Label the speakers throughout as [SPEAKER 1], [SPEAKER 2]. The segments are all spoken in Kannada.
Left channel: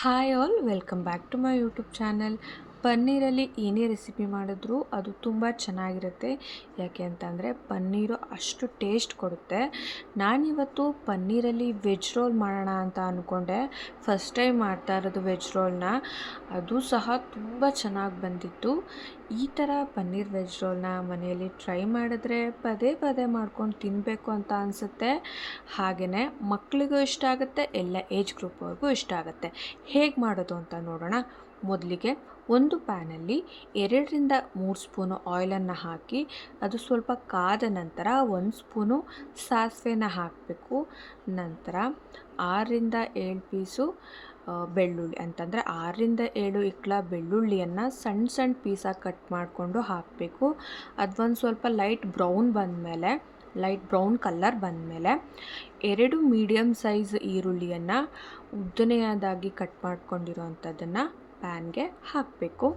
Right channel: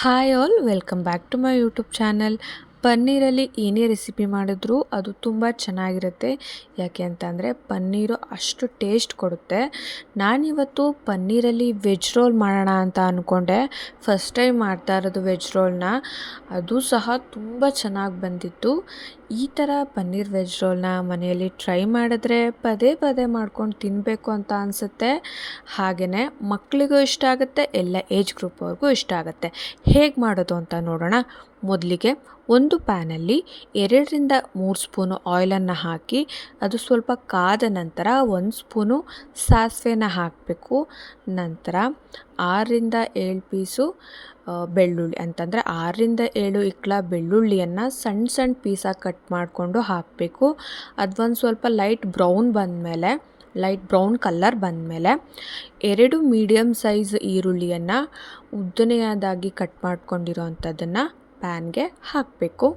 [SPEAKER 1] Hi all welcome back to my YouTube channel ಪನ್ನೀರಲ್ಲಿ ಏನೇ ರೆಸಿಪಿ ಮಾಡಿದ್ರು ಅದು ತುಂಬ ಚೆನ್ನಾಗಿರುತ್ತೆ. ಯಾಕೆ ಅಂತಂದರೆ ಪನ್ನೀರು ಅಷ್ಟು ಟೇಸ್ಟ್ ಕೊಡುತ್ತೆ. ನಾನಿವತ್ತು ಪನ್ನೀರಲ್ಲಿ ವೆಜ್ ರೋಲ್ ಮಾಡೋಣ ಅಂತ ಅಂದ್ಕೊಂಡೆ ಫಸ್ಟ್ ಟೈಮ್ ಮಾಡ್ತಾ ಇರೋದು ವೆಜ್ ರೋಲ್ನ ಅದು ಸಹ ತುಂಬ ಚೆನ್ನಾಗಿ ಬಂದಿತ್ತು. ಈ ಥರ ಪನ್ನೀರ್ ವೆಜ್ ರೋಲ್ನ ಮನೆಯಲ್ಲಿ ಟ್ರೈ ಮಾಡಿದ್ರೆ ಪದೇ ಪದೇ ಮಾಡ್ಕೊಂಡು ತಿನ್ನಬೇಕು ಅಂತ ಅನಿಸುತ್ತೆ. ಹಾಗೆಯೇ ಮಕ್ಕಳಿಗೂ ಇಷ್ಟ ಆಗುತ್ತೆ, ಎಲ್ಲ ಏಜ್ ಗ್ರೂಪ್ವರೆಗೂ ಇಷ್ಟ ಆಗುತ್ತೆ. ಹೇಗೆ ಮಾಡೋದು ಅಂತ ನೋಡೋಣ. ಮೊದಲಿಗೆ ಒಂದು ಪ್ಯಾನಲ್ಲಿ ಎರಡರಿಂದ ಮೂರು ಸ್ಪೂನು ಆಯಿಲನ್ನು ಹಾಕಿ, ಅದು ಸ್ವಲ್ಪ ಕಾದ ನಂತರ ಒಂದು ಸ್ಪೂನು ಸಾಸಿವೆನ ಹಾಕಬೇಕು. ನಂತರ ಆರರಿಂದ ಏಳು ಪೀಸು ಬೆಳ್ಳುಳ್ಳಿ. ಅಂತಂದರೆ ಆರರಿಂದ ಏಳು ಇಕ್ಕಳ ಬೆಳ್ಳುಳ್ಳಿಯನ್ನು ಸಣ್ಣ ಸಣ್ಣ ಪೀಸಾಗಿ ಕಟ್ ಮಾಡಿಕೊಂಡು ಹಾಕಬೇಕು. ಅದೊಂದು ಸ್ವಲ್ಪ ಲೈಟ್ ಬ್ರೌನ್ ಬಂದಮೇಲೆ, ಲೈಟ್ ಬ್ರೌನ್ ಕಲ್ಲರ್ ಬಂದಮೇಲೆ ಎರಡು ಮೀಡಿಯಮ್ ಸೈಜ್ ಈರುಳ್ಳಿಯನ್ನು ಉದ್ದನೆಯದಾಗಿ ಕಟ್ ಮಾಡ್ಕೊಂಡಿರೋ ಅಂಥದ್ದನ್ನು ಪ್ಯಾನ್ಗೆ ಹಾಕಬೇಕು.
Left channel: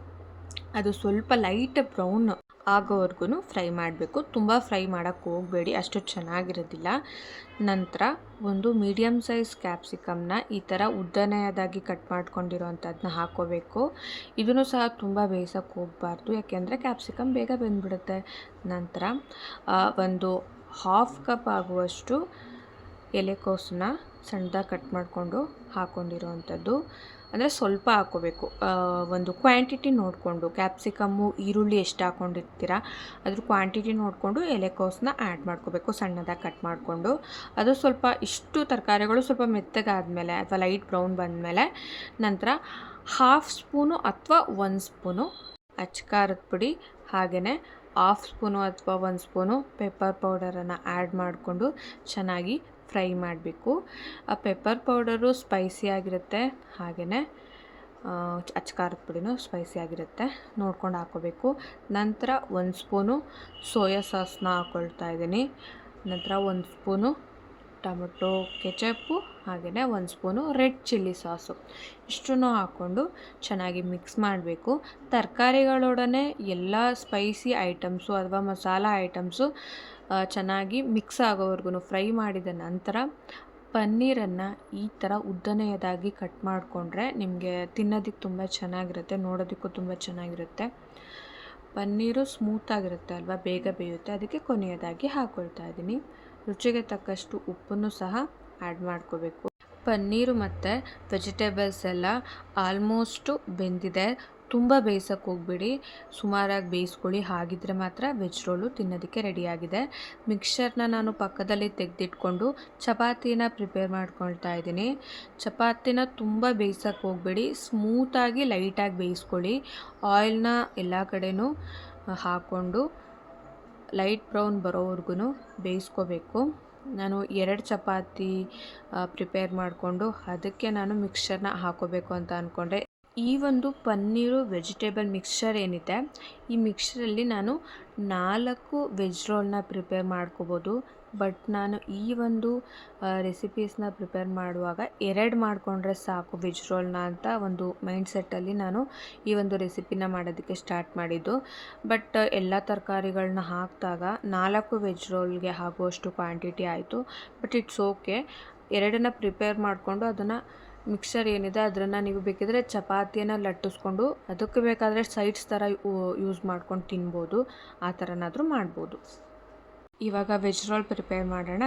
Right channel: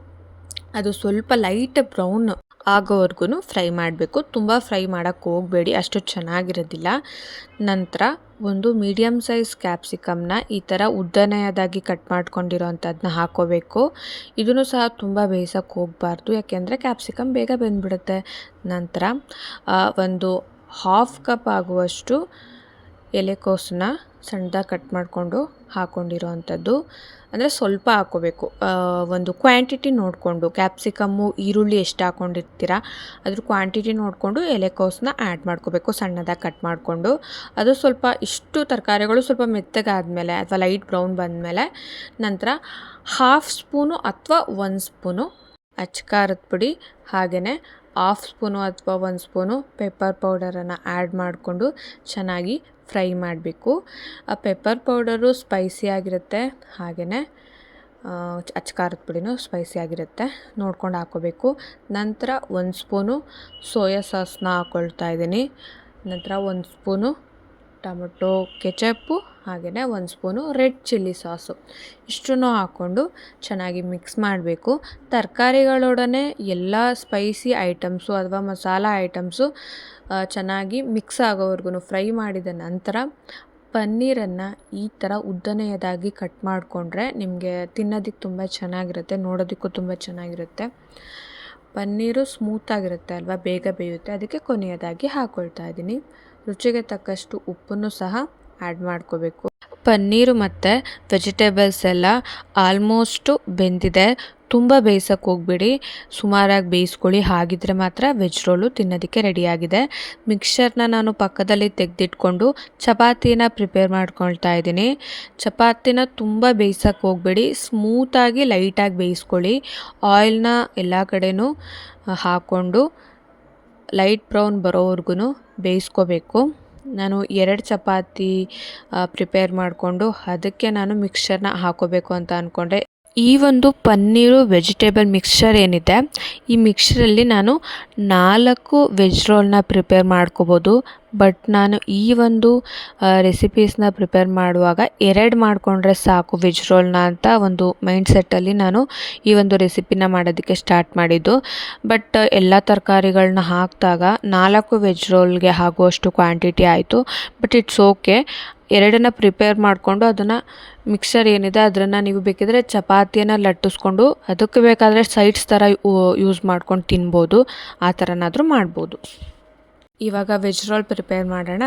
[SPEAKER 1] ಅದು ಸ್ವಲ್ಪ ಲೈಟ್ ಬ್ರೌನ್ ಆಗೋವರೆಗೂ ಫ್ರೈ ಮಾಡಬೇಕು. ತುಂಬ ಫ್ರೈ ಮಾಡೋಕ್ಕೆ ಹೋಗಬೇಡಿ, ಅಷ್ಟು ಚೆನ್ನಾಗಿರೋದಿಲ್ಲ. ನಂತರ ಒಂದು ಮೀಡಿಯಮ್ ಸೈಜ್ ಕ್ಯಾಪ್ಸಿಕಮ್ನ ಈ ಥರ ಉದ್ದನೆಯದಾಗಿ ಕಟ್ ಮಾಡ್ಕೊಂಡಿರೋ ಅಂಥದ್ದನ್ನ ಹಾಕೋಬೇಕು. ಇದನ್ನು ಸಹ ತುಂಬ ಬೇಯಿಸೋಕ್ಕೆ ಹೋಗಬಾರ್ದು, ಯಾಕೆಂದರೆ ಕ್ಯಾಪ್ಸಿಕಮ್ ಬೇಗ ಬೆಂದ್ಬಿಡುತ್ತೆ. ನಂತರ ಒಂದು ಹಾಫ್ ಕಪ್ ಆಗುವಷ್ಟು ಎಲೆಕೋಸನ್ನ ಸಣ್ಣದಾಗಿ ಕಟ್ ಮಾಡಿಕೊಂಡು ಹಾಕ್ಕೊಂಡಿರೋ ಅಂಥದ್ದು ಅಂದರೆ ಸ್ವಲ್ಪ ಹಾಕೋಬೇಕು. ಒಂದು ಕ್ವಾಂಟಿಟಿ ನೋಡಿಕೊಂಡು ಕ್ಯಾಪ್ಸಿಕಮ್ಮು ಈರುಳ್ಳಿ ಎಷ್ಟು ಹಾಕ್ಕೊಂಡಿರ್ತೀರ ಅದ್ರ ಕ್ವಾಂಟಿಟಿ ನೋಡಿಕೊಂಡು ಎಲೆಕೋಸನ್ನ ಆ್ಯಡ್ ಮಾಡ್ಕೋಬೇಕು, ಸಣ್ಣದಾಗಿ ಕಟ್ ಮಾಡಿಕೊಂಡು. ಅದು ಸ್ವಲ್ಪ ಇಷ್ಟು ತರಕಾರಿಗಳು ಸ್ವಲ್ಪ ಮೆತ್ತಗಾದಮೇಲೆ ಅಥವಾ ಲೈಟ್ ಬ್ರೌನ್ ಬಂದಮೇಲೆ ನಂತರ ಹಾಫ್ ಸ್ಪೂನು ಅಥವಾ ಒಂದು ಸ್ಪೂನು ಅಚ್ಕಾರದ ಪುಡಿ ಹಾಗೆಯೇ ಹಾಫ್ ಸ್ಪೂನು ಅಥವಾ ಒಂದು ಸ್ಪೂನು ಪೆಪ್ಪರ್ ಪೌಡರನ್ನು ಆ್ಯಡ್ ಮಾಡಿಕೊಂಡು ಚೆನ್ನಾಗಿ ಫ್ರೈ ಮಾಡಬೇಕು. ಆ ಪೆಪ್ಪರ್ ಪೌಡರು ಸ್ಪೈಸಿ ಆಗಿರುತ್ತೆ. ಹಾಗೆಯೇ ಅಚ್ಕಾರದ ಪುಡಿನೂ ಸ್ಪೈಸಿ ಆಗಿರುತ್ತೆ. ನೋಡ್ಕೊಂಡು ಹಾಕೋಬೇಕು. ನಂತರ ಒಂದು ಸ್ಪೂನು ಸೋಯಾ ಸಾಸ್ನ ಹಾಕ್ಕೊಳ್ತಾ ಇದ್ದೀನಿ. ನಂತರ ಒಂದು ಸ್ಪೂನು ಟೊಮೊಟೊ, ಕೆಚಪ್ಪು ಹಾಗೆಯೇ ಒಂದು ಸ್ಪೂನು ರೆಡ್ ಚಿಲ್ಲಿ ಸಾಸು. ಇಷ್ಟನ್ನು ಹಾಕ್ಕೊಂಡು ಚೆನ್ನಾಗಿ ಮಿಕ್ಸ್ ಮಾಡಬೇಕು. ತರಕಾರಿಗಳೊಡನೆ ಎಲ್ಲ ಸ್ಪೈಸಿ ಐಟಮ್ಸು ಅಥವಾ ಮಸಾಲ ಐಟಮ್ಸು ಚೆನ್ನಾಗಿ ಮಿಕ್ಸ್ ಆಗೋವರೆಗೂ ಫ್ರೈ ಮಾಡಿದ ನಂತರ ಪನ್ನೀರನ್ನು ಈ ಥರ ಉದ್ದನೆಯದಾಗಿ ಕಟ್ ಮಾಡಿಕೊಂಡ್ರೆ ನಿಮಗೆ ತಿನ್ನೋದಕ್ಕೆ ತುಂಬ ಚೆನ್ನಾಗಿರುತ್ತೆ, ನೋಡೋದಕ್ಕೂ ತುಂಬ ಚೆನ್ನಾಗಿರುತ್ತೆ. ಪನ್ನೀರು ಸ್ಮೂತಾಗಿರುತ್ತೆ ಅಲ್ವಾ, ಬೇಗ ಬೇಯುತ್ತೆ. ಅದಕ್ಕೆ ಕೊನೆಯದಾಗಿ ಹಾಕ್ಕೊಳ್ತಾ ಇದ್ದೀನಿ. ರುಚಿಗೆ ತಕ್ಕಷ್ಟು ಉಪ್ಪನ್ನು ಸಹ ಆ್ಯಡ್ ಮಾಡ್ಕೋಬೇಕು. ಪನ್ನೀರು ಮತ್ತು ವೆಜಿಟೇಬಲ್ಸ್ ಎಲ್ಲ ಆಲ್ಮೋಸ್ಟು ಬೆಂದಿದೆ. ತುಂಬ ಬೇಯಿಸೋಕೆ ಹೋಗ್ಬೇಡಿ. ಸುಮಾರಾಗಿ ಬೇಯಿಸ್ಕೊಳ್ಳಿ. ಹಾಗಿದ್ರೆ ಮಾತ್ರ ವೆಜ್ ರೋಲು ತಿನ್ನೋದಕ್ಕೆ ರೆಡಿಯಾಗಿದೆ ಮಿಕ್ಸರ್ನ ನಾನು ಪಕ್ಕದಲ್ಲಿ ತೆಗೆದಿಟ್ಕೊಂಡು ಚಪಾತಿನ ಪ್ರಿಪೇರ್ ಮಾಡ್ಕೊಳ್ತಾ ಇದ್ದೀನಿ. ಚಪಾತಿನ ತುಂಬ ಬೇಯಿಸೋಕೆ ಹೋಗಬೇಡಿ. ಸ್ಮೂತಾಗಿ ಲೈಟಾಗಿ ಬೇಯಿಸ್ಕೊಳ್ಳಿ. ಆಯಿಲ್ನ ಎಲ್ಲ ಕಡೆಯೂ ಹಾಕ್ಕೊಂಡು ಲೈಟ್ ಬ್ರೌನ್ ಬರೋವರೆಗೂ ಬೇಯಿಸ್ಕೋಬೇಕು. ನಾನು ಎರಡು ಚಪಾತಿ ಪ್ರಿಪೇರ್ ಮಾಡಿಕೊಂಡು ಅದಕ್ಕೆ ನಾನು ಮಿಕ್ಸ್ಚರ್ನ ಹಾಕೋಬೇಕು ಅಂತ ಅಂದ್ಕೊಂಡೆ ಈ ಒಂದು ಪನ್ನೀರು ವೆಜಿಟೇಬಲ್ ಮಿಕ್ಸ್ಚರ್ ಏನಿದೆ, ಈ ಮಿಕ್ಸ್ಚರಲ್ಲಿ ನಾನು ನಾಲ್ಕು ವೆಜ್ ರೋಲ್ನ ಪ್ರಿಪೇರ್ ಮಾಡ್ಕೋಬೋದು. ಬಟ್ ನಾನು ಈ ಒಂದು ರೆಸಿಪೀಸ್ನ ಪ್ರಿಪೇರ್ ಮಾಡುವಾಗ ಎರಡು ಮಾಡಿಕೊಂಡ್ರೆ ಸಾಕು ವೆಜ್ ರೋಲ್ನ ಅಂತ ಒಂದು ಮೈಂಡ್ ಸೆಟ್ಟಲ್ಲಿ ನಾನು ಈ ಒಂದು ರೆಸಿಪಿನ ಮಾಡೋದಕ್ಕೆ ಸ್ಟಾರ್ಟ್ ಮಾಡಿದ್ದು. ಬಟ್ ಎಲ್ಲ ತರಕಾರಿಗಳನ್ನ ಹಾಕಿದಾಗ ನಾಲ್ಕು ವೆಜ್ ರೋಲ್ಗೆ ಆಗುವಷ್ಟು ಕ್ವಾಂಟಿಟಿ ಆಯಿತು. ಬಟ್ ಇಟ್ಸ್ ಓಕೆ ಎರಡನ್ನ ಪ್ರಿಪೇರ್ ಮಾಡಿಕೊಂಡು ಅದನ್ನು ಮಿಕ್ಸರ್ ಏನಿದೆ ಅದನ್ನು ನೀವು ಬೇಕಿದ್ರೆ ಚಪಾತಿಯನ್ನು ಲಟ್ಟಿಸ್ಕೊಂಡು ಅದಕ್ಕೆ ಬೇಕಾದರೆ ಸೈಡ್ಸ್ ಥರ ಯೂಸ್ ಮಾಡ್ಕೊಂಡು ತಿನ್ಬೋದು. ಆ ಥರನಾದರೂ ಮಾಡ್ಬೋದು. ಇವಾಗ ವೆಜ್ ರೋಲ್ ಪ್ರಿಪೇರ್ ಮಾಡೋಣ.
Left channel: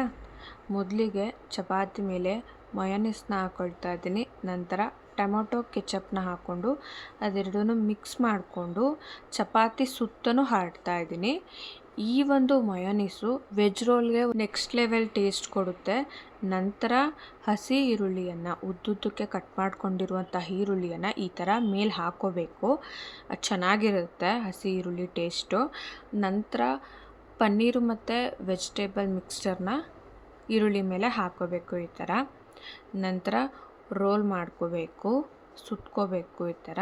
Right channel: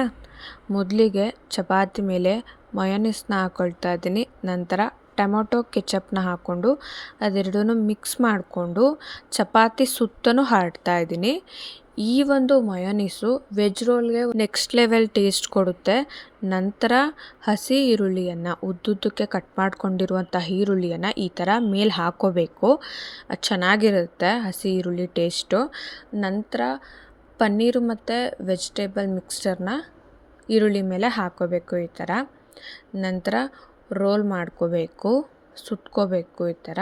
[SPEAKER 1] ಮೊದಲಿಗೆ ಚಪಾತಿ ಮೇಲೆ ಮಯೋನಿಸ್ನ ಹಾಕ್ಕೊಳ್ತಾ ಇದ್ದೀನಿ. ನಂತರ ಟೊಮೊಟೊ ಕೆಚಪ್ನ ಹಾಕ್ಕೊಂಡು ಅದೆರಡೂ ಮಿಕ್ಸ್ ಮಾಡಿಕೊಂಡು ಚಪಾತಿ ಸುತ್ತಲೂ ಹರಡ್ತಾ ಇದ್ದೀನಿ. ಈ ಒಂದು ಮಯೋನೀಸು ವೆಜ್ ರೋಲ್ಗೆ ನೆಕ್ಸ್ಟ್ ಲೆವೆಲ್ ಟೇಸ್ಟ್ ಕೊಡುತ್ತೆ. ನಂತರ ಹಸಿ ಈರುಳ್ಳಿಯನ್ನು, ಉದ್ದುದ್ದಕ್ಕೆ ಕಟ್ ಮಾಡ್ಕೊಂಡಿರುವಂಥ ಈರುಳ್ಳಿಯನ್ನು ಈ ಥರ ಮೇಲೆ ಹಾಕ್ಕೋಬೇಕು ಚೆನ್ನಾಗಿರುತ್ತೆ ಹಸಿ ಈರುಳ್ಳಿ ಟೇಸ್ಟು. ನಂತರ ಪನ್ನೀರು ಮತ್ತು ವೆಜಿಟೇಬಲ್ ಮಿಕ್ಸ್ಚರ್ನ ಈರುಳ್ಳಿ ಮೇಲೆ ಹಾಕ್ಕೋಬೇಕು ಈ ಥರ. ನಂತರ ರೋಲ್ ಮಾಡ್ಕೋಬೇಕು, ಸುಟ್ಕೋಬೇಕು ಈ ಥರ.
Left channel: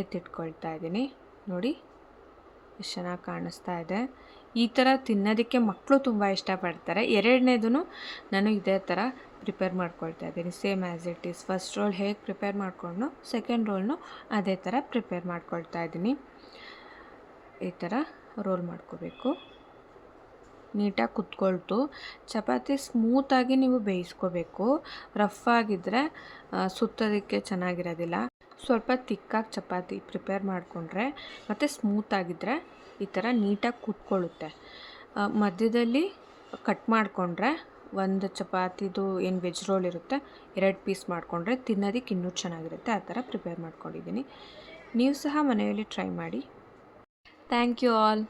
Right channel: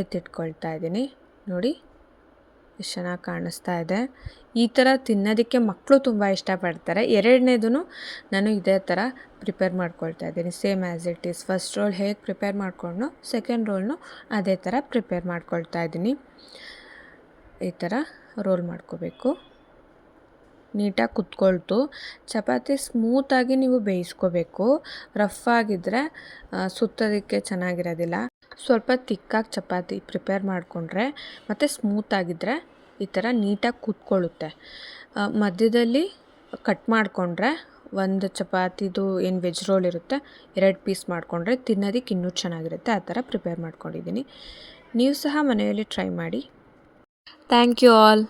[SPEAKER 1] ಎತ್ತಿಟ್ಕೊಳ್ತಾ ಇದ್ದೀನಿ. ನೋಡಿ, ಎಷ್ಟು ಚೆನ್ನಾಗಿ ಕಾಣಿಸ್ತಾ ಇದೆ. ಈ ಥರ ತಿನ್ನೋದಕ್ಕೆ ಮಕ್ಕಳು ತುಂಬ ಇಷ್ಟಪಡ್ತಾರೆ. ಎರಡನೇದು ನಾನು ಇದೇ ಥರ ಪ್ರಿಪೇರ್ ಮಾಡ್ಕೊಳ್ತಾ ಇದ್ದೀನಿ. Same as it is. First roll ಹೇಗೆ ಪ್ರಿಪೇರ್ ಮಾಡಿಕೊಂಡು ಸೆಕೆಂಡ್ ರೋಲ್ನು ಅದೇ ಥರ ಪ್ರಿಪೇರ್ ಮಾಡ್ಕೊಳ್ತಾ ಇದ್ದೀನಿ. ಈ ಥರ ರೋಲ್ ಮಾಡ್ಕೋಬೇಕು. ನೀಟಾಗಿ ಕುತ್ಕೊಳ್ತು. ಚಪಾತಿ ಸ್ಮೂತಾಗಿ ನೀವು ಬೇಯಿಸ್ಕೋಬೇಕು. ರಫ್ ಆಗಿದ್ದರೆ ಸುತ್ತೋದಕ್ಕೆ ಚೆನ್ನಾಗಿರೋದಿಲ್ಲ. ಸ್ವಲ್ಪ ತಿಕ್ಕಾಗಿ ಚಪಾತಿ ಪ್ರಿಪೇರ್ ಮಾಡಿಕೊಂಡ್ರೆ, ಮತ್ತು ಸ್ಮೂತಾಗಿದ್ದರೆ ಈ ಥರ ನೀಟಾಗಿ ಕುತ್ಕೊಳ್ಳುತ್ತೆ. ಮಧ್ಯದಲ್ಲಿ ಕಟ್ ಮಾಡಿಕೊಂಡ್ರೆ, ಒಂದು ಚಪಾತಿದು ಏನು ವೆಜ್ ರೋಲ್ ಇರುತ್ತೆ, ಎರಡು ಪೀಸ್ ಮಾಡಿಕೊಂಡ್ರೆ ತಿನ್ನೋದಕ್ಕೆ ಇನ್ನೂ ಚೆನ್ನಾಗಿರುತ್ತೆ. ಆ ಥರ ಪ್ರಿಪೇರ್ ಮಾಡ್ಕೊಂಡಿದ್ದೀನಿ. ನೀವು ಸಹ ಮನೆಯಲ್ಲಿ ಟ್ರೈ ಮಾಡಿ. Thank you all.